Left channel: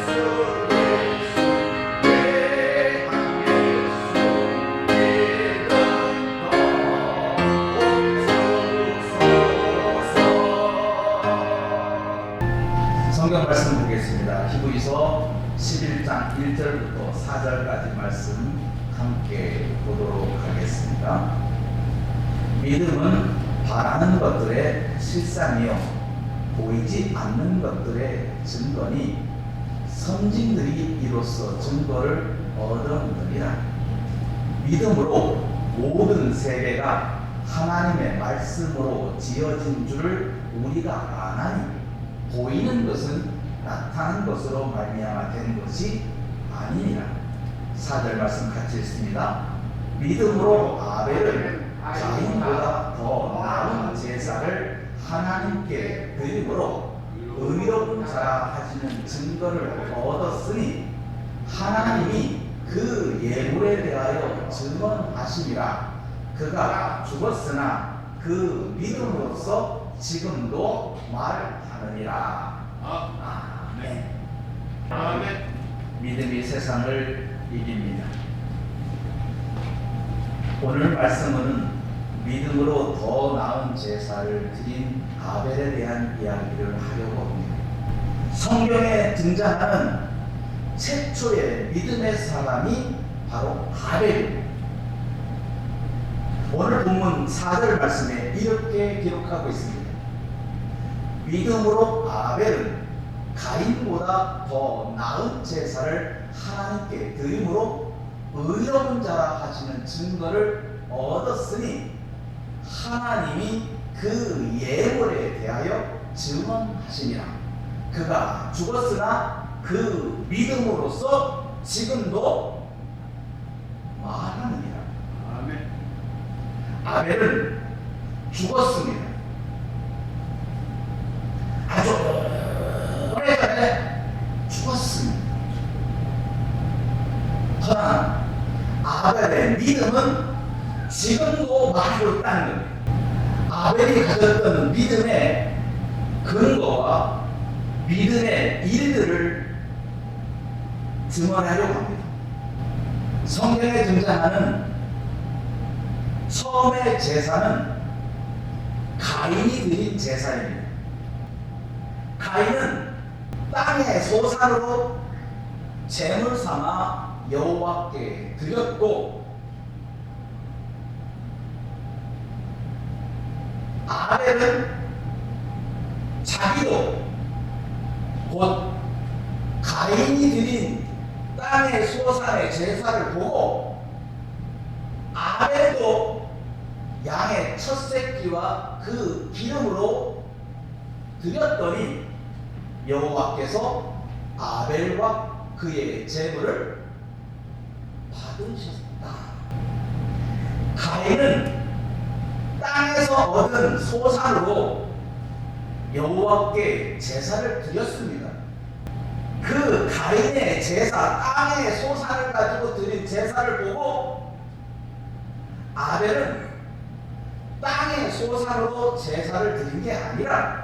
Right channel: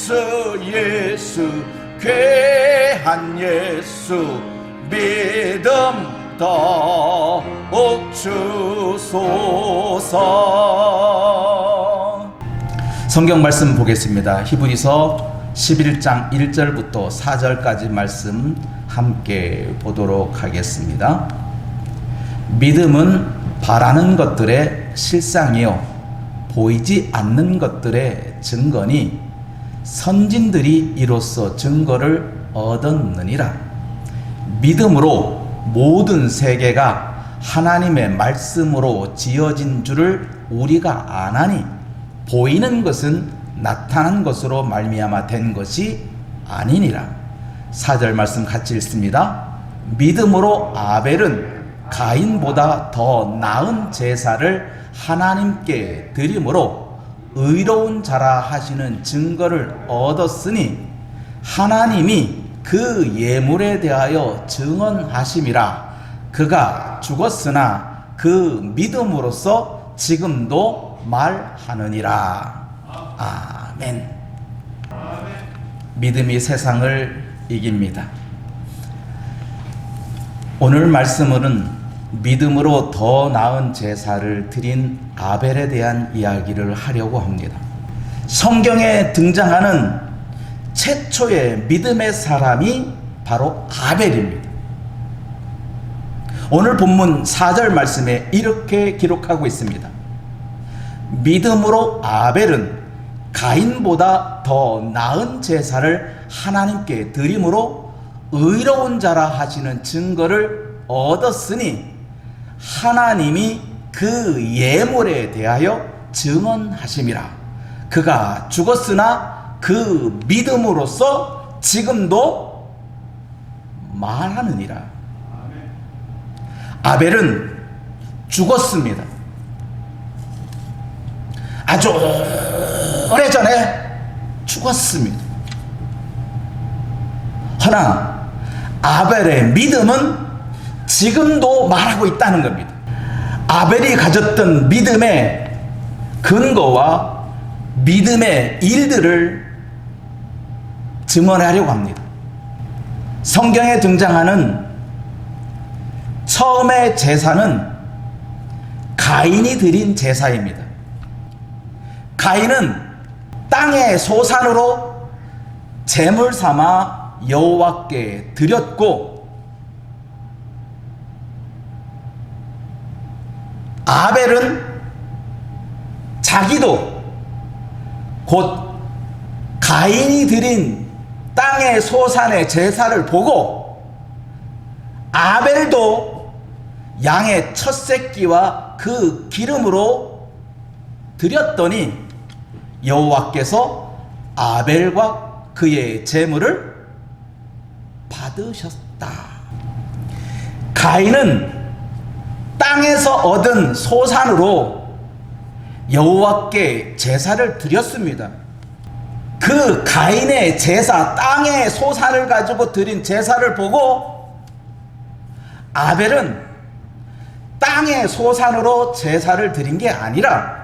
예수 귀한 예수 믿음 더 주소서. 성경 말씀 보겠습니다. 히브리서 11장 1절부터 4절까지 말씀 함께 보도록 하겠습니다. 믿음은 바라는 것들의 실상이요 보이지 않는 것들의 증거니 선진들이 이로써 증거를 얻었느니라. 믿음으로 모든 세계가 하나님의 말씀으로 지어진 줄을 우리가 아나니 보이는 것은 나타난 것으로 말미암아 된 것이 아니니라. 4절 말씀 같이 읽습니다. 믿음으로 아벨은 가인보다 더 나은 제사를 하나님께 드림으로 의로운 자라 하시는 증거를 얻었으니 하나님이 그 예물에 대하여 증언하심이라. 그가 죽었으나 그 믿음으로써 지금도 말하느니라. 아멘. 믿음이 세상을 이깁니다. 오늘 말씀은 믿음으로 더 나은 제사를 드린 아벨에 대한 이야기를 하려고 합니다. 성경에 등장하는 최초의 믿음의 사람이 바로 아벨입니다. 오늘 본문 4절 말씀에 이렇게 기록하고 있습니다. 믿음으로 아벨은 가인보다 더 나은 제사를 하나님께 드림으로 의로운 자라 하시는 증거를 얻었으니 하나님이 그 예물에 대하여 증언하심이라. 그가 죽었으나 그 믿음으로써 지금도 말하느니라. 아벨은 죽었습니다. 아주 오래전에 죽었습니다. 허나 아벨의 믿음은 지금도 말하고 있다는 겁니다. 아벨이 가졌던 믿음의 근거와 믿음의 일들을 증언하려고 합니다. 성경에 등장하는 처음의 제사는 가인이 드린 제사입니다. 가인은 땅의 소산으로 제물 삼아 여호와께 드렸고 아벨은 자기도 곧 가인이 드린 땅의 소산의 제사를 보고 아벨도 양의 첫 새끼와 그 기름으로 드렸더니 여호와께서 아벨과 그의 제물을 받으셨다. 가인은 땅에서 얻은 소산으로 여호와께 제사를 드렸습니다. 그 가인의 제사, 땅의 소산을 가지고 드린 제사를 보고 아벨은 땅의 소산으로 제사를 드린 게 아니라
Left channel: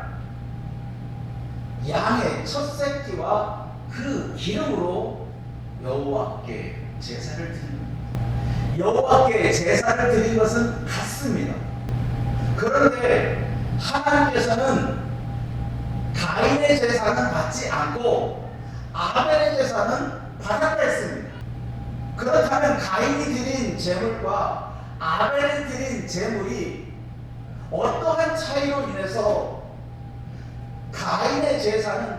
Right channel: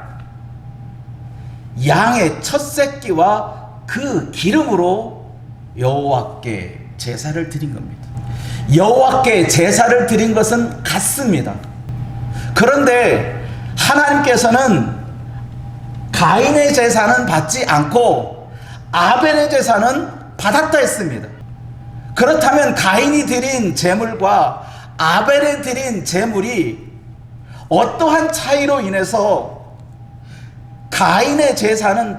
양의 첫 새끼와 그 기름으로 여호와께 제사를 드린 겁니다. 여호와께 제사를 드린 것은 같습니다. 그런데 하나님께서는 가인의 제사는 받지 않고 아벨의 제사는 받았다 했습니다. 그렇다면 가인이 드린 제물과 아벨이 드린 제물이 어떠한 차이로 인해서 가인의 제사는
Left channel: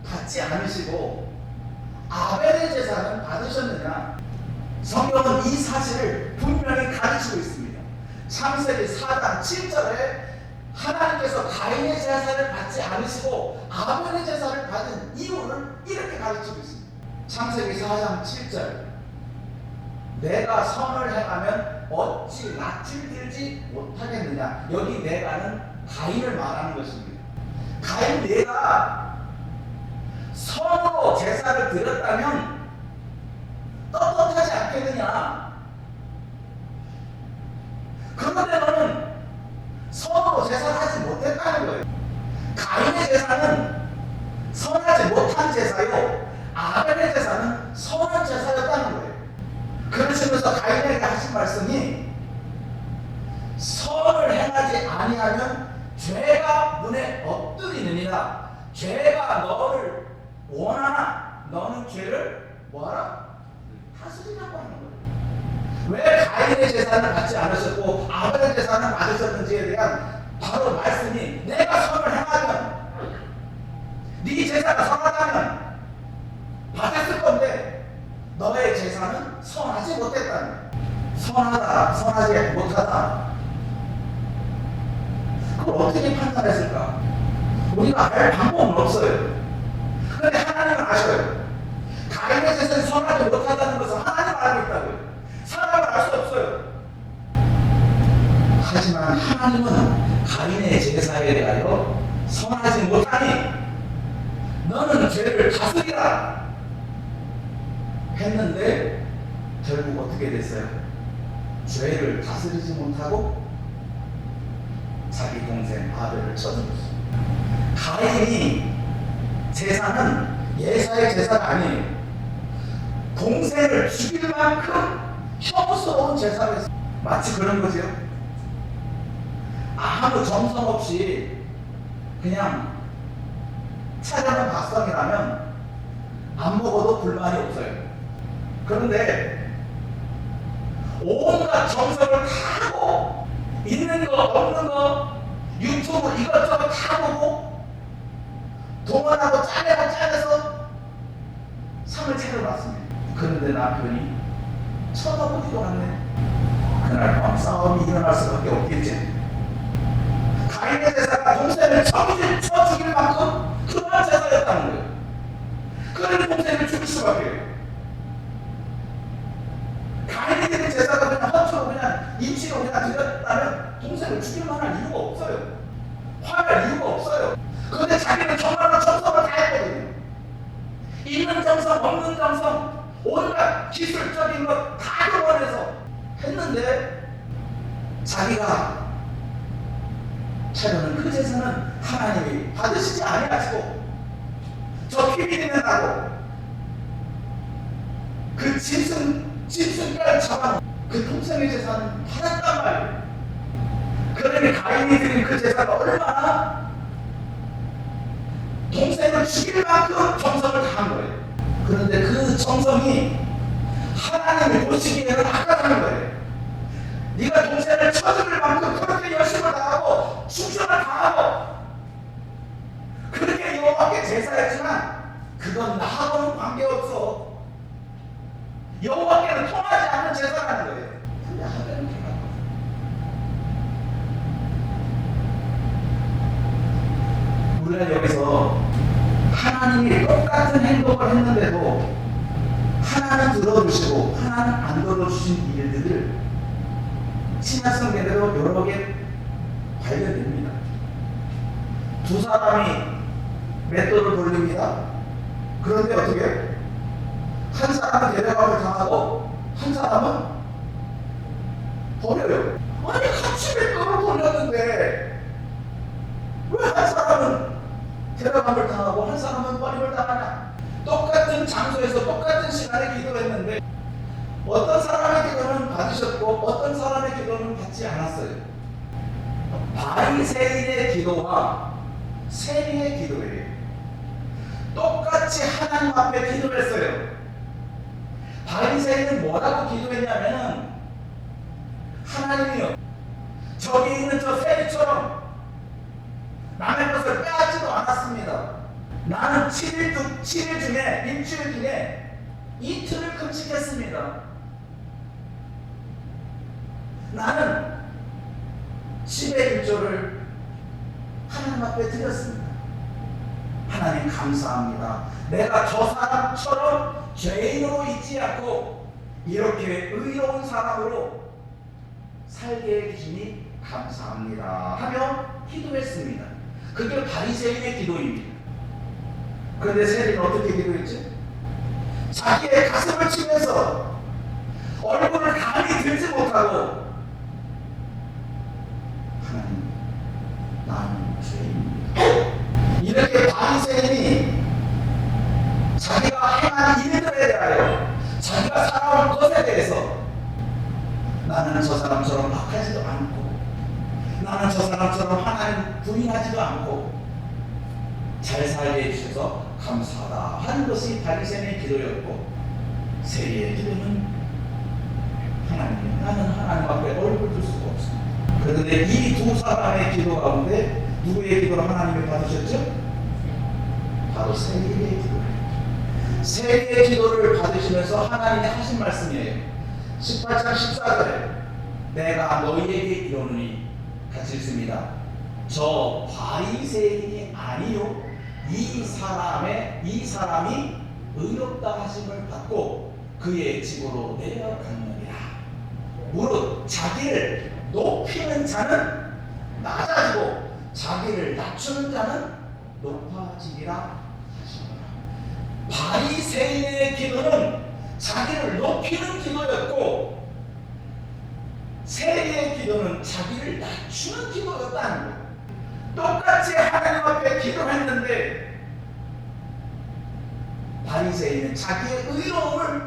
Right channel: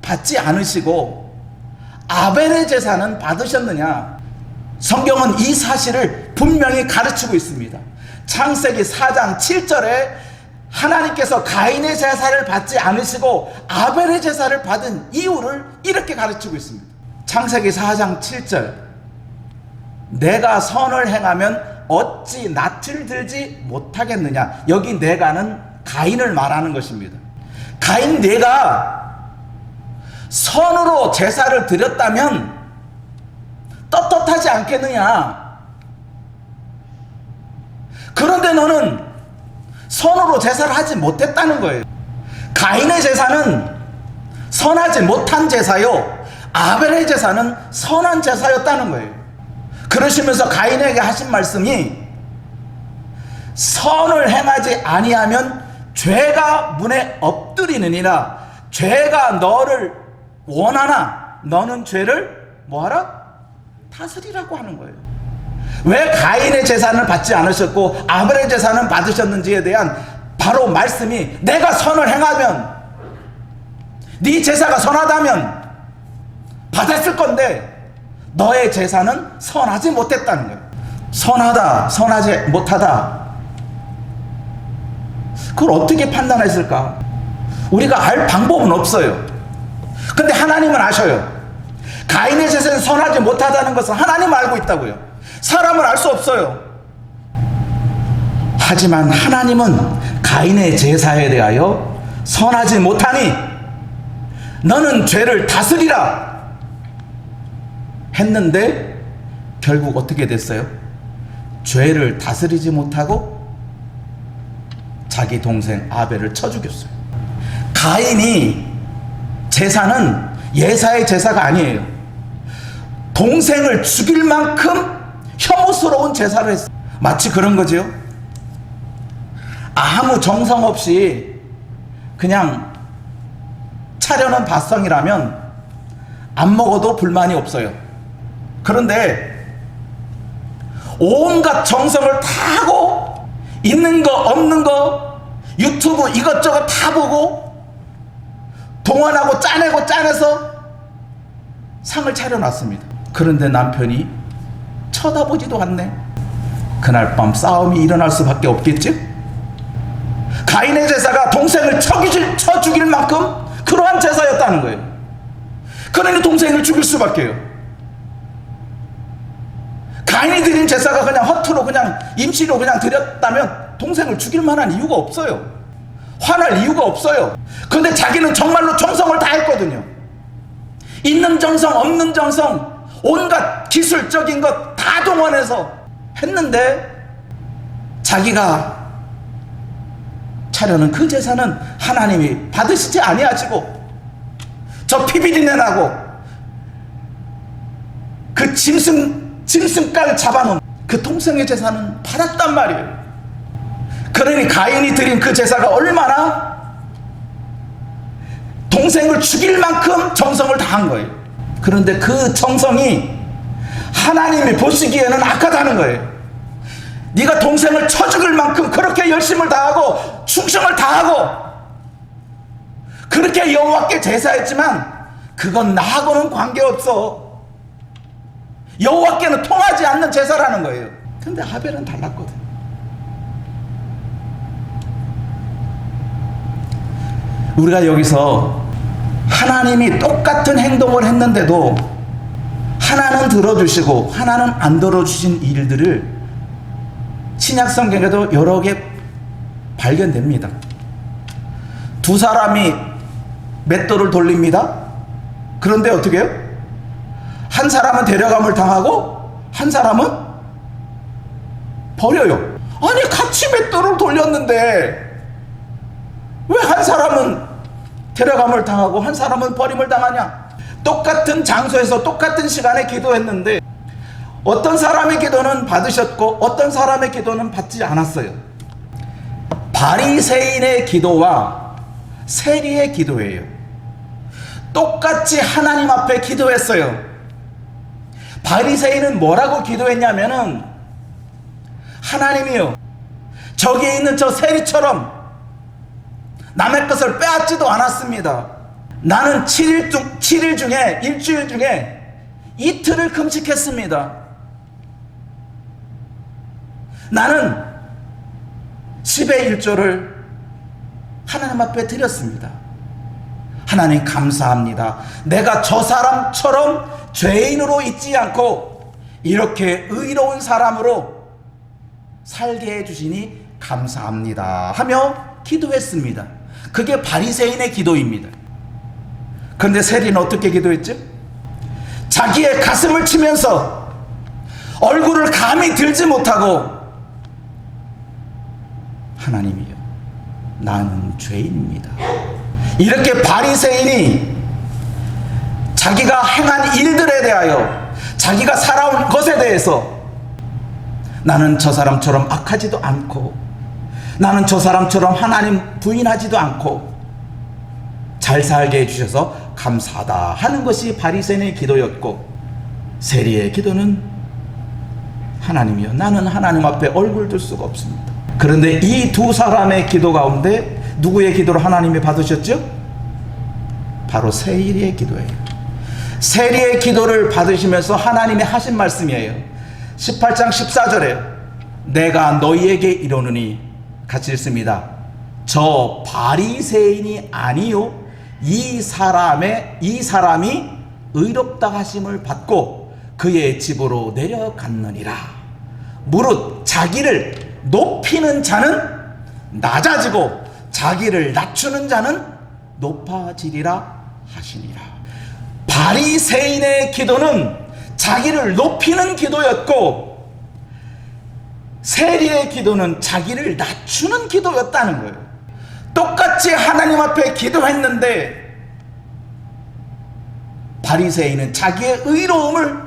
받지 않으시고 아벨의 제사는 받으셨느냐? 성경은 이 사실을 분명히 가르치고 있습니다. 창세기 4장 7절에 하나님께서 가인의 제사를 받지 않으시고 아벨의 제사를 받은 이유를 이렇게 가르치고 있습니다. 창세기 4장 7절 내가 선을 행하면 어찌 낯을 들지 못하겠느냐. 여기 내가는 가인을 말하는 것입니다. 가인, 내가 선으로 제사를 드렸다면 떳떳하지 않겠느냐. 그런데 너는 선으로 제사를 하지 못했다는 거예요. 가인의 제사는 선하지 못한 제사요 아벨의 제사는 선한 제사였다는 거예요. 그러시면서 가인에게 하신 말씀이 선을 행하지 아니하면 죄가 문에 엎드리느니라. 죄가 너를 원하나 너는 죄를 뭐하라? 다스리라고 하는 거예요. 왜 가인의 제사는 받지 않으셨고 아벨의 제사는 받으셨는지에 대한 바로 말씀이 내가 선을 행하면 네 제사가 선하다면 받았을 건데 너의 제사는 선하지 못했다는 거예요. 선하다, 선하지 못하다. 그걸 어떻게 판단했을까? 우리가 알 방법은 없어요. 근데 하나님은 아셔요. 가인의 제사는 선하지 못하다는 것은 하나님 알고 있다고요. 사람은 알 수 없어요. 하지만 하나님은 가인의 제사에 대하여 선하지 못하니 너는 죄를 다스리라 했는데 결국 어떻게 됐어요? 죄를 다스리지 못하고 자기 동생 아벨을 쳐 죽였어요. 가인이 제사는 예사의 제사가 아니에요. 동생을 죽일 만큼 혐오스러운 제사를 했어요. 마치 그런 거죠. 아무 정성 없이 그냥 차려는 밥상이라면 안 먹어도 불만이 없어요. 그런데 온갖 정성을 다 하고 있는 거 없는 거 유튜브 이것저것 다 보고 동원하고 짜내서 상을 차려놨습니다. 그런데 남편이 쳐다보지도 않네. 그날 밤 싸움이 일어날 수밖에 없겠지? 가인의 제사가 동생을 쳐 죽일 만큼 그러한 제사였다는 거예요. 그러니 동생을 죽일 수밖에요. 가인이 드린 제사가 그냥 허투루 그냥 임시로 그냥 드렸다면 동생을 죽일 만한 이유가 없어요. 화날 이유가 없어요. 근데 자기는 정말로 정성을 다 했거든요. 있는 정성 없는 정성 온갖 기술적인 것 다 동원해서 했는데 자기가 차려는 그 제사는 하나님이 받으시지 아니하시고 저 피비린내 나고 그 짐승깔 잡아놓은 그 동생의 제사는 받았단 말이에요. 그러니 가인이 드린 그 제사가 얼마나 동생을 죽일 만큼 정성을 다한 거예요. 그런데 그 정성이 하나님이 보시기에는 악하다는 거예요. 네가 동생을 쳐 죽일 만큼 그렇게 열심을 다하고 충성을 다하고 그렇게 여호와께 제사했지만 그건 나하고는 관계없어. 여호와께는 통하지 않는 제사라는 거예요. 근데 아벨은 달랐거든. 우리가 여기서 하나님이 똑같은 행동을 했는데도 하나는 들어주시고 하나는 안 들어주신 일들을 신약 성경에도 여러 개 발견됩니다. 두 사람이 맷돌을 돌립니다. 그런데 어떻게 해요? 한 사람은 데려감을 당하고 한 사람은 버려요. 아니 같이 맷돌을 돌렸는데 왜 한 사람은 데려감을 당하고 한 사람은 버림을 당하냐? 똑같은 장소에서 똑같은 시간에 기도했는데 어떤 사람의 기도는 받으셨고 어떤 사람의 기도는 받지 않았어요. 바리새인의 기도와 세리의 기도예요. 똑같이 하나님 앞에 기도했어요. 바리새인은 뭐라고 기도했냐면은 하나님이요 저기 있는 저 세리처럼 남의 것을 빼앗지도 않았습니다. 나는 7일 중에 일주일 중에 이틀을 금식했습니다. 나는 10의 1조를 하나님 앞에 드렸습니다. 하나님 감사합니다. 내가 저 사람처럼 죄인으로 있지 않고 이렇게 의로운 사람으로 살게 해주시니 감사합니다 하며 기도했습니다. 그게 바리새인의 기도입니다. 그런데 세리는 어떻게 기도했지? 자기의 가슴을 치면서 얼굴을 감히 들지 못하고 하나님이여 나는 죄인입니다. 이렇게 바리새인이 자기가 행한 일들에 대하여, 자기가 살아온 것에 대해서 나는 저 사람처럼 악하지도 않고, 나는 저 사람처럼 하나님 부인하지도 않고 잘 살게 해주셔서 감사하다 하는 것이 바리새인의 기도였고, 세리의 기도는 하나님이여, 나는 하나님 앞에 얼굴 들 수가 없습니다. 그런데 이 두 사람의 기도 가운데 누구의 기도를 하나님이 받으셨죠? 바로 세리의 기도예요. 세리의 기도를 받으시면서 하나님이 하신 말씀이에요. 18장 14절에 내가 너희에게 이르노니, 같이 읽습니다. 저 바리새인이 아니요 이 사람이 의롭다 하심을 받고 그의 집으로 내려갔느니라. 무릇 자기를 높이는 자는 낮아지고 자기를 낮추는 자는 높아지리라 하시니라. 바리새인의 기도는 자기를 높이는 기도였고, 세리의 기도는 자기를 낮추는 기도였다는 거예요. 똑같이 하나님 앞에 기도했는데 바리새인은 자기의 의로움을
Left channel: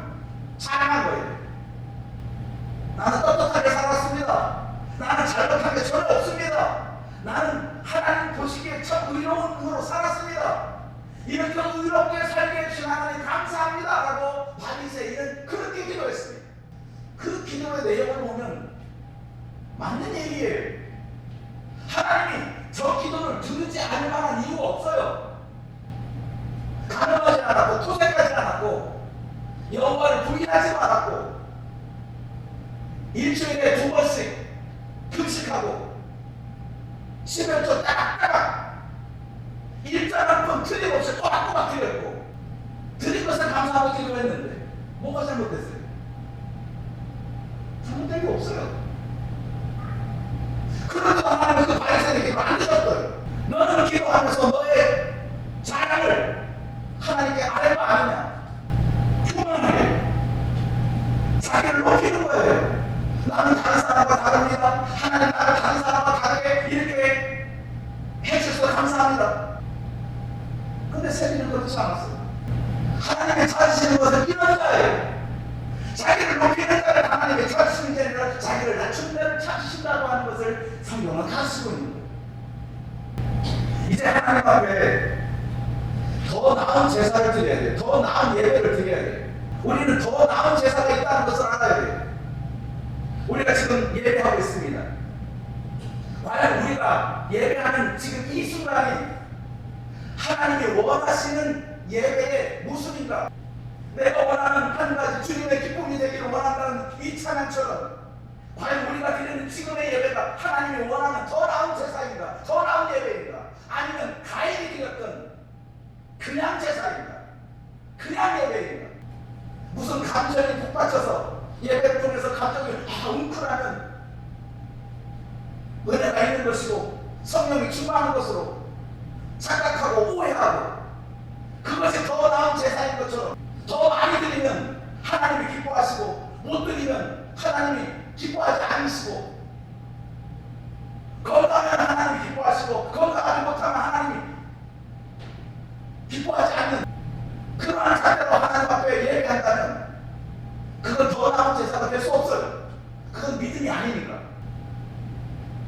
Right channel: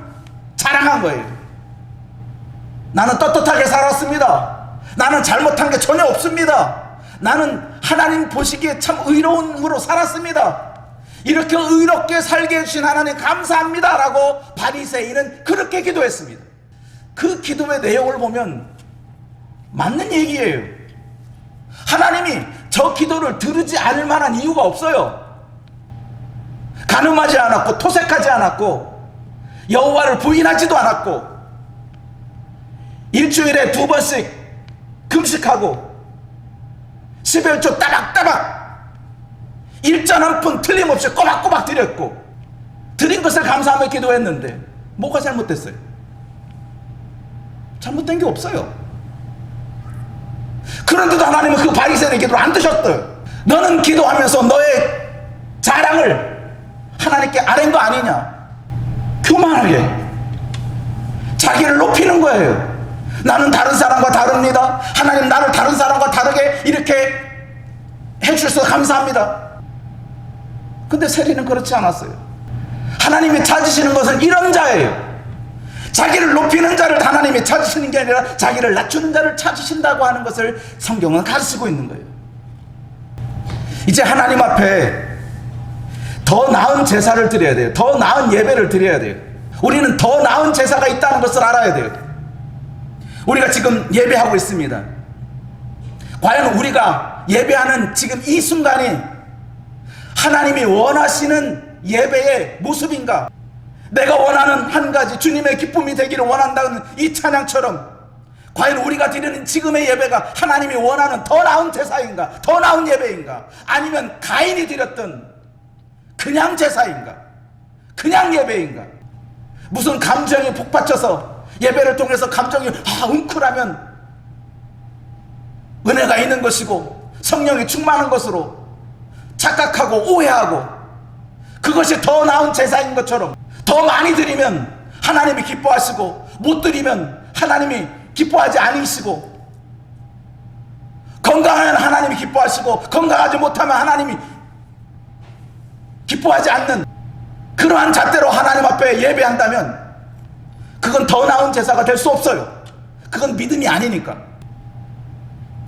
자랑한 거예요. 나는 떳떳하게 살았습니다. 나는 잘못한 게 전혀 없습니다. 나는 하나님 보시기에 참 의로움으로 살았습니다. 이렇게 의롭게 살게 해주신 하나님 감사합니다 라고 바리새인은 그렇게 기도했습니다. 그 기도의 내용을 보면 맞는 얘기예요. 하나님이 저 기도를 들으지 않을 만한 이유가 없어요. 간음하지 않았고, 토색하지 않았고, 여호와를 부인하지도 않았고, 일주일에 2번씩 금식하고 11조 따박따박 일전 한 푼 틀림없이 꼬박꼬박 드렸고, 드린 것을 감사하며 기도했는데 뭐가 잘못됐어요? 잘못된 게 없어요. 그런데도 하나님은 그 바리새인의 기도를 안 드셨어요. 너는 기도하면서 너의 자랑을 하나님께 아랜 거 아니냐? 교만하게 자기를 높이는 거예요. 나는 다른 사람과 다릅니다. 하나님 나를 다른 사람과 다르게 이렇게 해주셔서 감사합니다. 근데 세리는 그렇지 않았어요. 하나님이 찾으시는 것은 이런 자예요. 자기를 높이는 자를 하나님이 찾으시는 게 아니라 자기를 낮추는 자를 찾으신다고 하는 것을 성경은 가르치고 있는 거예요. 이제 하나님 앞에 더 나은 제사를 드려야 돼요. 더 나은 예배를 드려야 돼요. 우리는 더 나은 제사가 있다는 것을 알아야 돼요. 우리가 지금 예배하고 있습니다. 과연 우리가 예배하는 지금 이 순간이 하나님이 원하시는 예배의 모습인가? 내가 원하는 한 가지 주님의 기쁨이 되기를 원한다는 이 찬양처럼 과연 우리가 드리는 지금의 예배가 하나님이 원하는 더 나은 제사인가? 더 나은 예배인가? 아니면 가인이 드렸던 그냥 제사인가? 그냥 예배인가? 무슨 감정이 북받쳐서 예배를 통해서 감정이 웅크라면 은혜가 있는 것이고 성령이 충만한 것으로 착각하고 오해하고 그것이 더 나은 제사인 것처럼, 더 많이 드리면 하나님이 기뻐하시고 못 드리면 하나님이 기뻐하지 않으시고, 건강하면 하나님이 기뻐하시고 건강하지 못하면 하나님이 기뻐하지 않는 그러한 잣대로 하나님 앞에 예배한다면 그건 더 나은 제사가 될 수 없어요. 그건 믿음이 아니니까.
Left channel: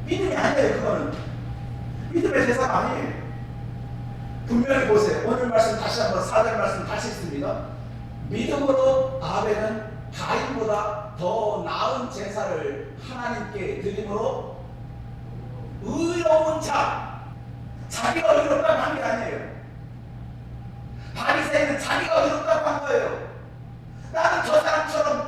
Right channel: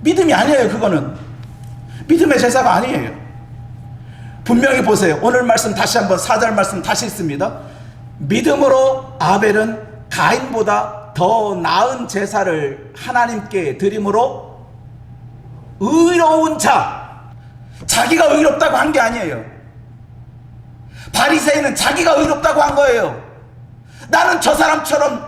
믿음이 아니에요. 그거는 믿음의 제사가 아니에요. 분명히 보세요. 오늘 말씀 다시 한번 4절 말씀 다시 읽습니다. 믿음으로 아벨은 가인보다 더 나은 제사를 하나님께 드림으로 의로운 자, 자기가 의롭다고 한 게 아니에요. 바리새인은 자기가 의롭다고 한 거예요. 나는 저 사람처럼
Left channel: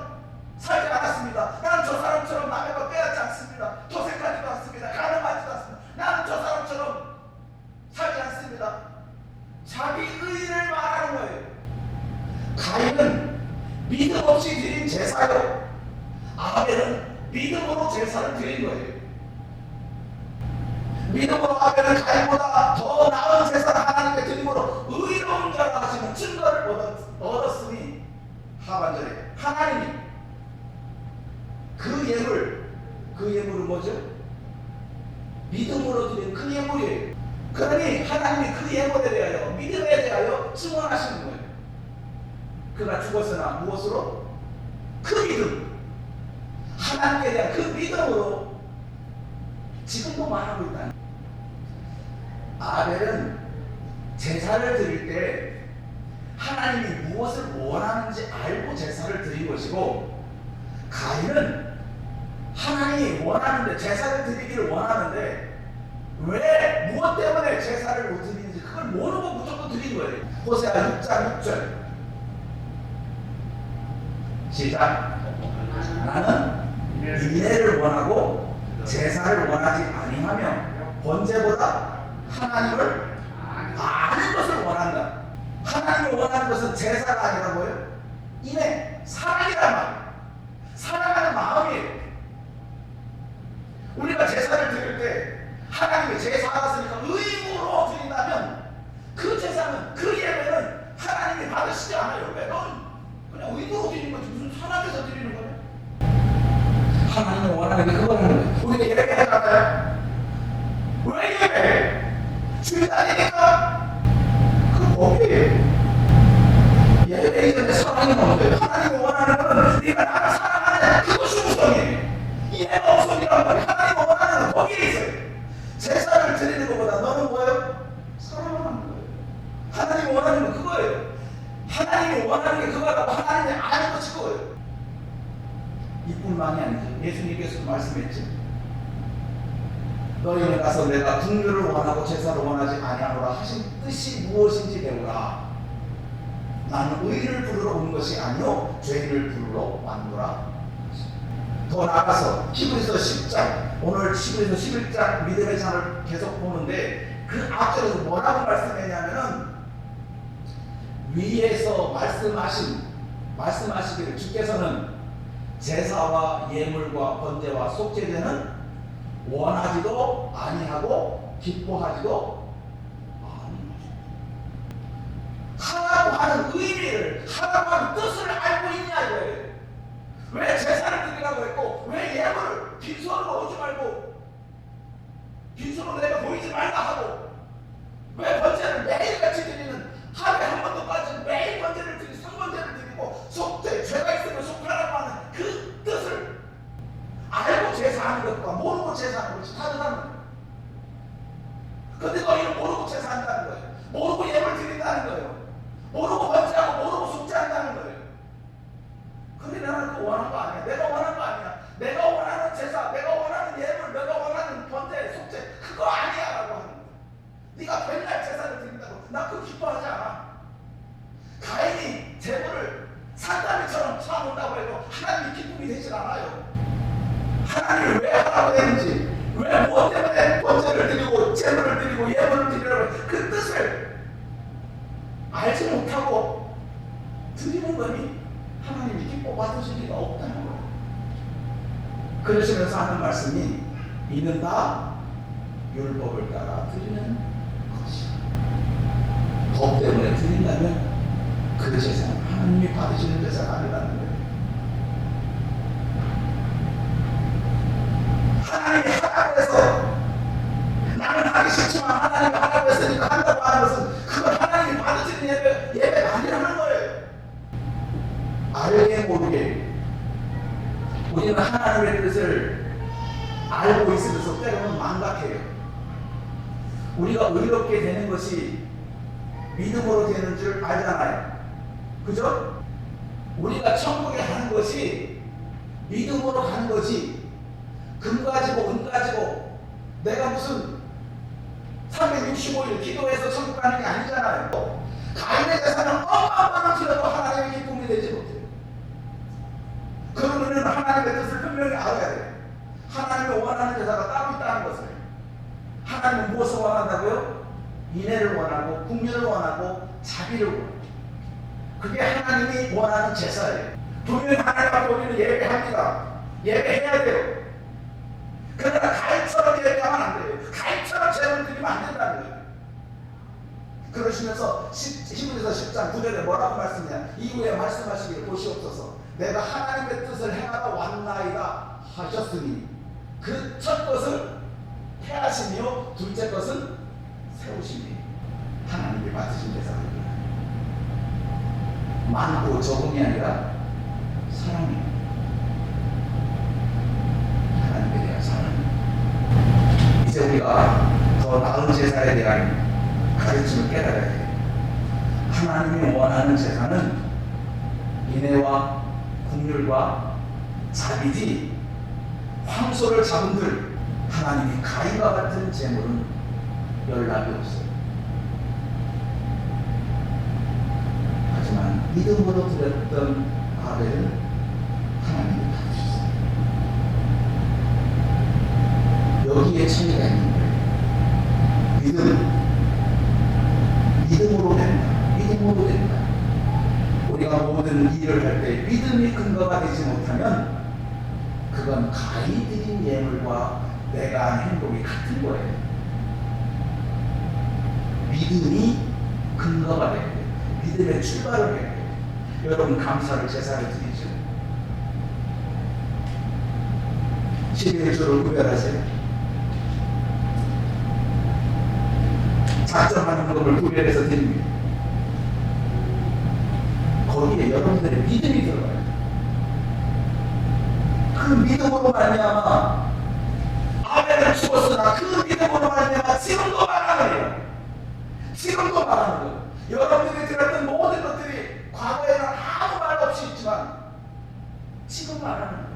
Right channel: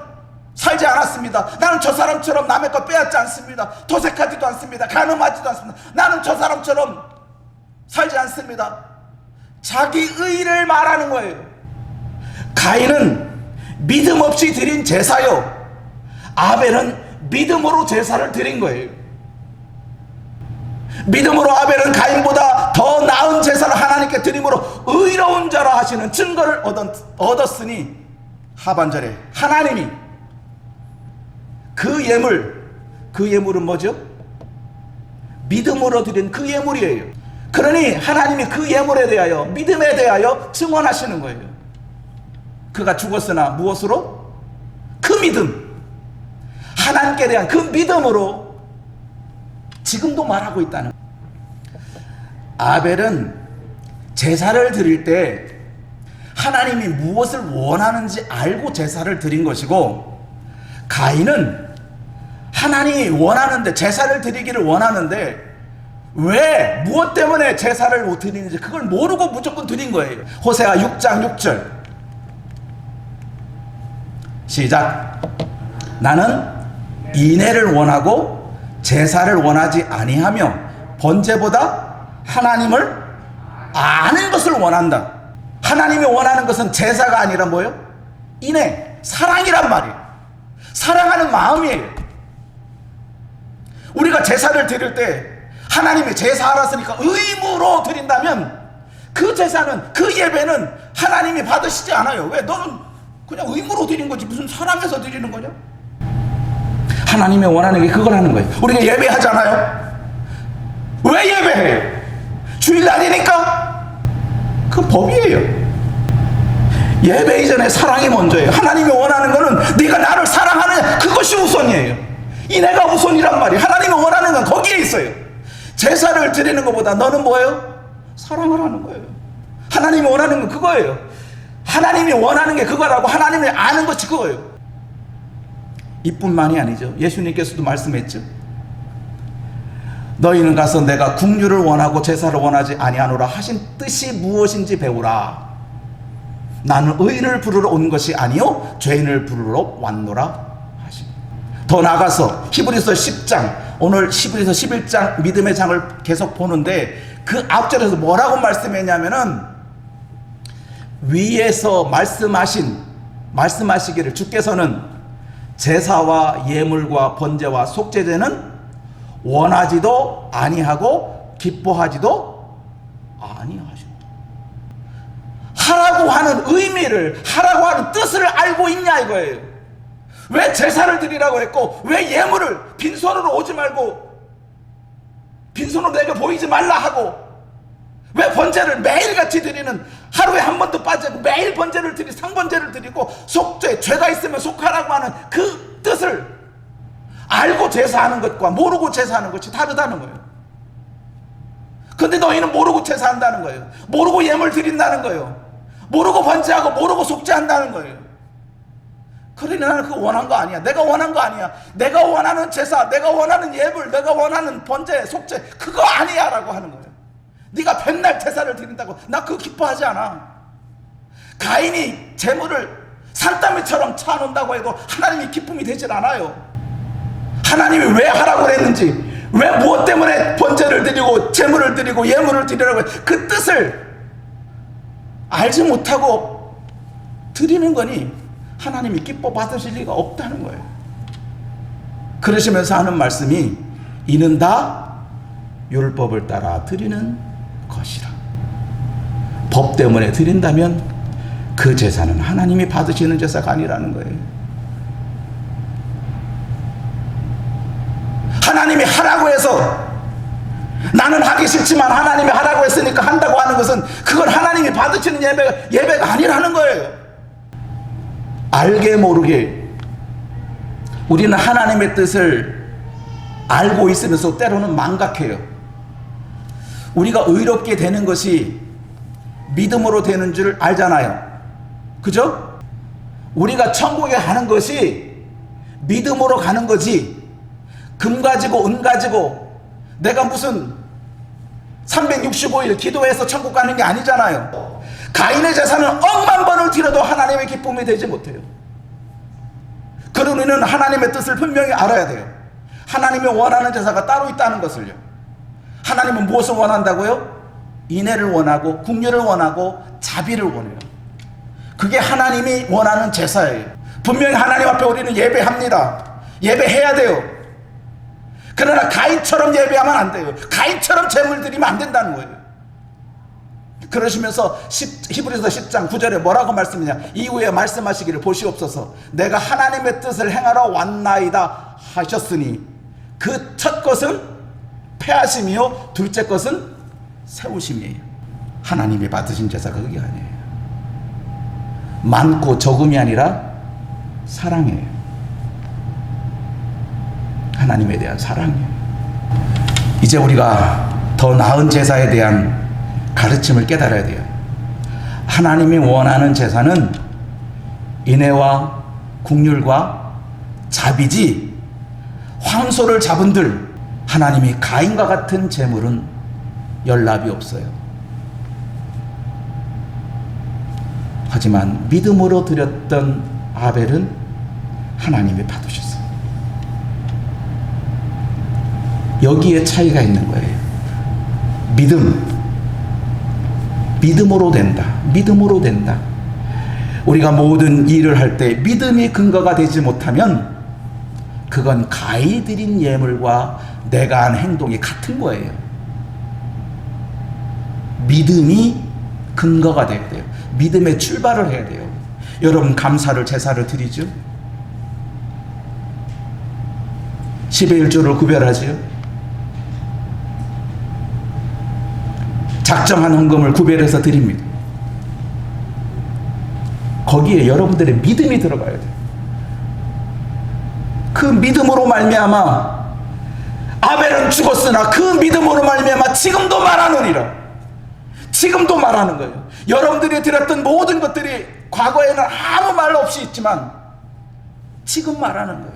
살지 않았습니다. 나는 저 사람처럼 남의 것 빼앗지 않습니다. 도색하지도 않습니다. 간음하지도 않습니다. 나는 저 사람처럼 살지 않습니다. 자기 의를 말하는 거예요. 가인은 믿음 없이 드린 제사요, 아벨은 믿음으로 제사를 드린 거예요. 믿음으로 아벨은 가인보다 더 나은 제사를 하나님께 드림으로 의로운 자라 하시는 증거를 얻었으니, 하반절에 하나님이 그 예물은 뭐죠? 믿음으로 드린 그 예물이에요. 그러니 하나님이 그 예물에 대하여, 믿음에 대하여 증언하시는 거예요. 그가 죽었으나 무엇으로? 그 믿음, 하나님께 대한 그 믿음으로 지금도 말하고 있다는 거예요. 아벨은 제사를 드릴 때 하나님이 무엇을 원하는지 알고 제사를 드린 것이고, 가인은 하나님이 원하는데, 제사를 드리기를 원하는데 왜 무엇 때문에 제사를 드리는지 그걸 모르고 무조건 드린 거예요. 호세아 6장 6절 시작. 나는 인애를 원하고 제사를 원하지 아니하며 번제보다 하나님을 아는 것을 원한다. 하나님이 원하는 것은 제사가 아니라 뭐예요? 인애, 사랑이란 말이에요. 사랑하는 마음이에요. 우리가 제사를 드릴 때 하나님이 제사 알았으니까 의무로 드린다면 그 제사는, 그 예배는 하나님이 받으시지 않아요. 왜? 너는 그냥 의무로 드린 거지 무슨 사랑해서 드리는 거냐? 하나님이 원하는 게 그걸 하는 거예요. 우리가 예배하잖아요. 왜 예배해? 주일날이니까? 그 법이에요. 예배 이전에 사랑이 먼저예요. 하나님이 원하는 거는 네가 나를 사랑하는 그것이 우선이에요. 인애가 우선이란 말이에요. 하나님이 원하는 건 거기에 있어요. 제사를 드리는 것보다 너는 뭐예요? 사랑을 하는 거예요. 하나님이 원하는 건 그거예요. 하나님이 원하는 게 그거라고 하나님이 아는 것이 그거예요. 이뿐만이 아니죠. 예수님께서도 말씀했죠. 너희는 가서 내가 국류를 원하고 제사를 원하지 아니하노라 하신 뜻이 무엇인지 배우라. 나는 의인을 부르러 온 것이 아니요 죄인을 부르러 왔노라 하시. 더 나가서 히브리서 10장, 오늘 히브리서 11장 믿음의 장을 계속 보는데 그 앞절에서 뭐라고 말씀했냐면은 위에서 말씀하시기를 주께서는 제사와 예물과 번제와 속죄제는 원하지도 아니하고 기뻐하지도 아니하신다. 하라고 하는 의미를, 하라고 하는 뜻을 알고 있냐 이거예요. 왜 제사를 드리라고 했고 왜 예물을 빈손으로 오지 말고 빈손으로 내게 보이지 말라 하고 왜 번제를 매일같이 드리는, 하루에 한 번도 빠지고 매일 번제를 드리고 상번제를 드리고 속죄, 죄가 있으면 속하라고 하는 그 뜻을 알고 제사하는 것과 모르고 제사하는 것이 다르다는 거예요. 근데 너희는 모르고 제사한다는 거예요. 모르고 예물 드린다는 거예요. 모르고 번제하고 모르고 속죄한다는 거예요. 그러니 나는 그거 원한 거 아니야. 내가 원한 거 아니야. 내가 원하는 제사, 내가 원하는 예물, 내가 원하는 번제, 속죄 그거 아니야 라고 하는 거예요. 네가 백날 제사를 드린다고 나 그거 기뻐하지 않아. 가인이 제물을 산더미처럼 차놓는다고 해도 하나님이 기쁨이 되질 않아요. 하나님이 왜 하라고 했는지, 왜 무엇 때문에 번제를 드리고 제물을 드리고 예물을 드리라고 해, 그 뜻을 알지 못하고 드리는 거니 하나님이 기뻐 받으실 리가 없다는 거예요. 그러시면서 하는 말씀이 이는 다 율법을 따라 드리는 것이라. 법 때문에 드린다면 그 제사는 하나님이 받으시는 제사가 아니라는 거예요. 하나님이 하라고 해서 나는 하기 싫지만 하나님이 하라고 했으니까 한다고 하는 것은 그건 하나님이 받으시는 예배가 아니라는 거예요. 알게 모르게 우리는 하나님의 뜻을 알고 있으면서 때로는 망각해요. 우리가 의롭게 되는 것이 믿음으로 되는 줄 알잖아요. 그죠? 우리가 천국에 가는 것이 믿음으로 가는 거지, 금 가지고 은 가지고 내가 무슨 365일 기도해서 천국 가는 게 아니잖아요. 가인의 제사는 억만 번을 드려도 하나님의 기쁨이 되지 못해요. 그러니 우리는 하나님의 뜻을 분명히 알아야 돼요. 하나님이 원하는 제사가 따로 있다는 것을요. 하나님은 무엇을 원한다고요? 인애를 원하고 국류를 원하고 자비를 원해요. 그게 하나님이 원하는 제사예요. 분명히 하나님 앞에 우리는 예배합니다. 예배해야 돼요. 그러나 가인처럼 예배하면 안 돼요. 가인처럼 제물 드리면 안 된다는 거예요. 그러시면서 히브리서 10장 9절에 뭐라고 말씀이냐, 이후에 말씀하시기를 보시옵소서 내가 하나님의 뜻을 행하러 왔나이다 하셨으니 그 첫 것은 패하심이요 둘째 것은 세우심이에요. 하나님이 받으신 제사가 그게 아니에요. 많고 적음이 아니라 사랑이에요. 하나님에 대한 사랑이에요. 이제 우리가 더 나은 제사에 대한 가르침을 깨달아야 돼요. 하나님이 원하는 제사는 인애와 국률과 자비지, 황소를 잡은들 하나님이 가인과 같은 제물은 연락이 없어요. 하지만 믿음으로 드렸던 아벨은 하나님이 받으셨어요. 여기에 차이가 있는 거예요. 믿음으로 된다. 믿음으로 된다. 우리가 모든 일을 할 때 믿음이 근거가 되지 못하면 그건 가히 드린 예물과 내가 한 행동이 같은 거예요. 믿음이 근거가 돼야 돼요. 믿음의 출발을 해야 돼요. 여러분, 감사를 제사를 드리죠? 10의 1조를 구별하지요? 작정한 헌금을 구별해서 드립니다. 거기에 여러분들의 믿음이 들어가야 돼요. 그 믿음으로 말미암아 아벨은 죽었으나 그 믿음으로 말미암아 지금도 말하느니라. 지금도 말하는 거예요. 여러분들이 드렸던 모든 것들이 과거에는 아무 말 없이 있지만 지금 말하는 거예요.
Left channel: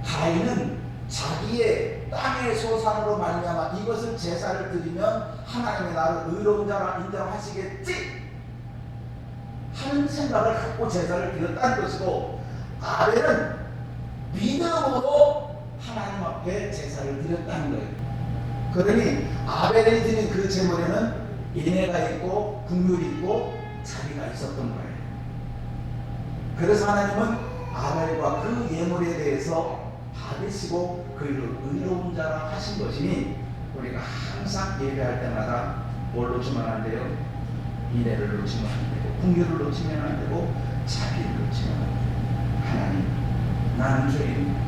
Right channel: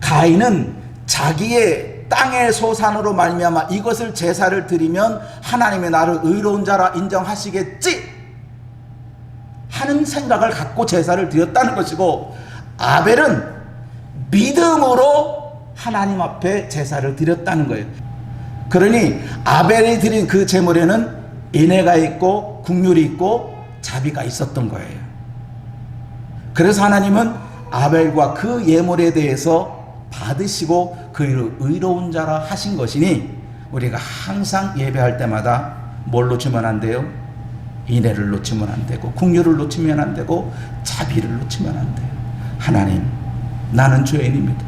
가인은 자기의 땅의 소산으로 말미암아 이것을 제사를 드리면 하나님이 나를 의로운 자라 인정하시겠지 하는 생각을 갖고 제사를 드렸다는 것이고, 아벨은 믿음으로 하나님 앞에 제사를 드렸다는 거예요. 그러니 아벨이 드린 그 제물에는 인애가 있고 국률이 있고 자비가 있었던 거예요. 그래서 하나님은 아벨과 그 예물에 대해서 받으시고 그를 의로운 자라 하신 것이니, 우리가 항상 예배할 때마다 뭘 놓치면 안 돼요? 인애를 놓치면 안 되고 국률을 놓치면 안 되고 자비를 놓치면 안 돼요. 하나님, 나는 죄인입니다.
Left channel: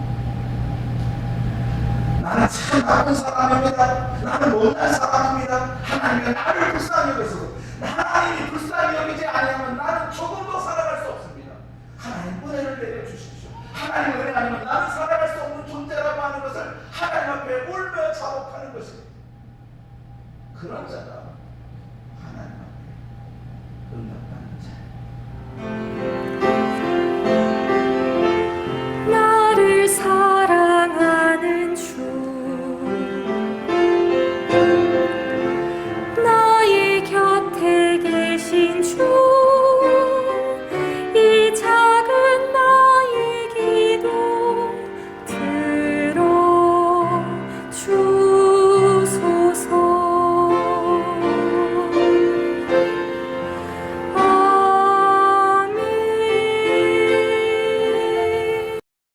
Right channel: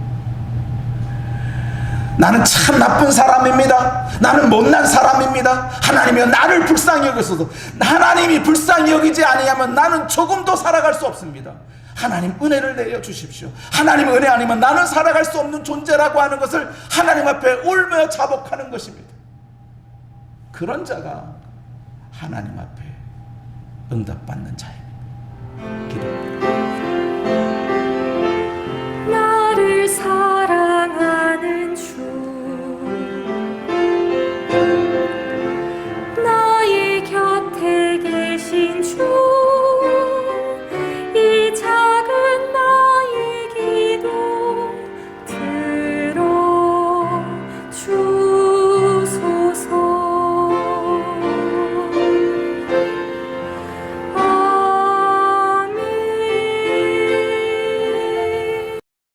나는 참 나쁜 사람입니다. 나는 못난 사람입니다. 하나님이여, 나를 불쌍히 여기소서. 하나님이 불쌍히 여기지 아니하면 나는 조금도 살아갈 수 없습니다. 하나님, 은혜를 내려 주십시오. 하나님 은혜 아니면 나는 살아갈 수 없는 존재라고 하는 것을 하나님 앞에 울며 자복하는 것입니다. 그런 자가 하나님 앞에 응답받는 자예요.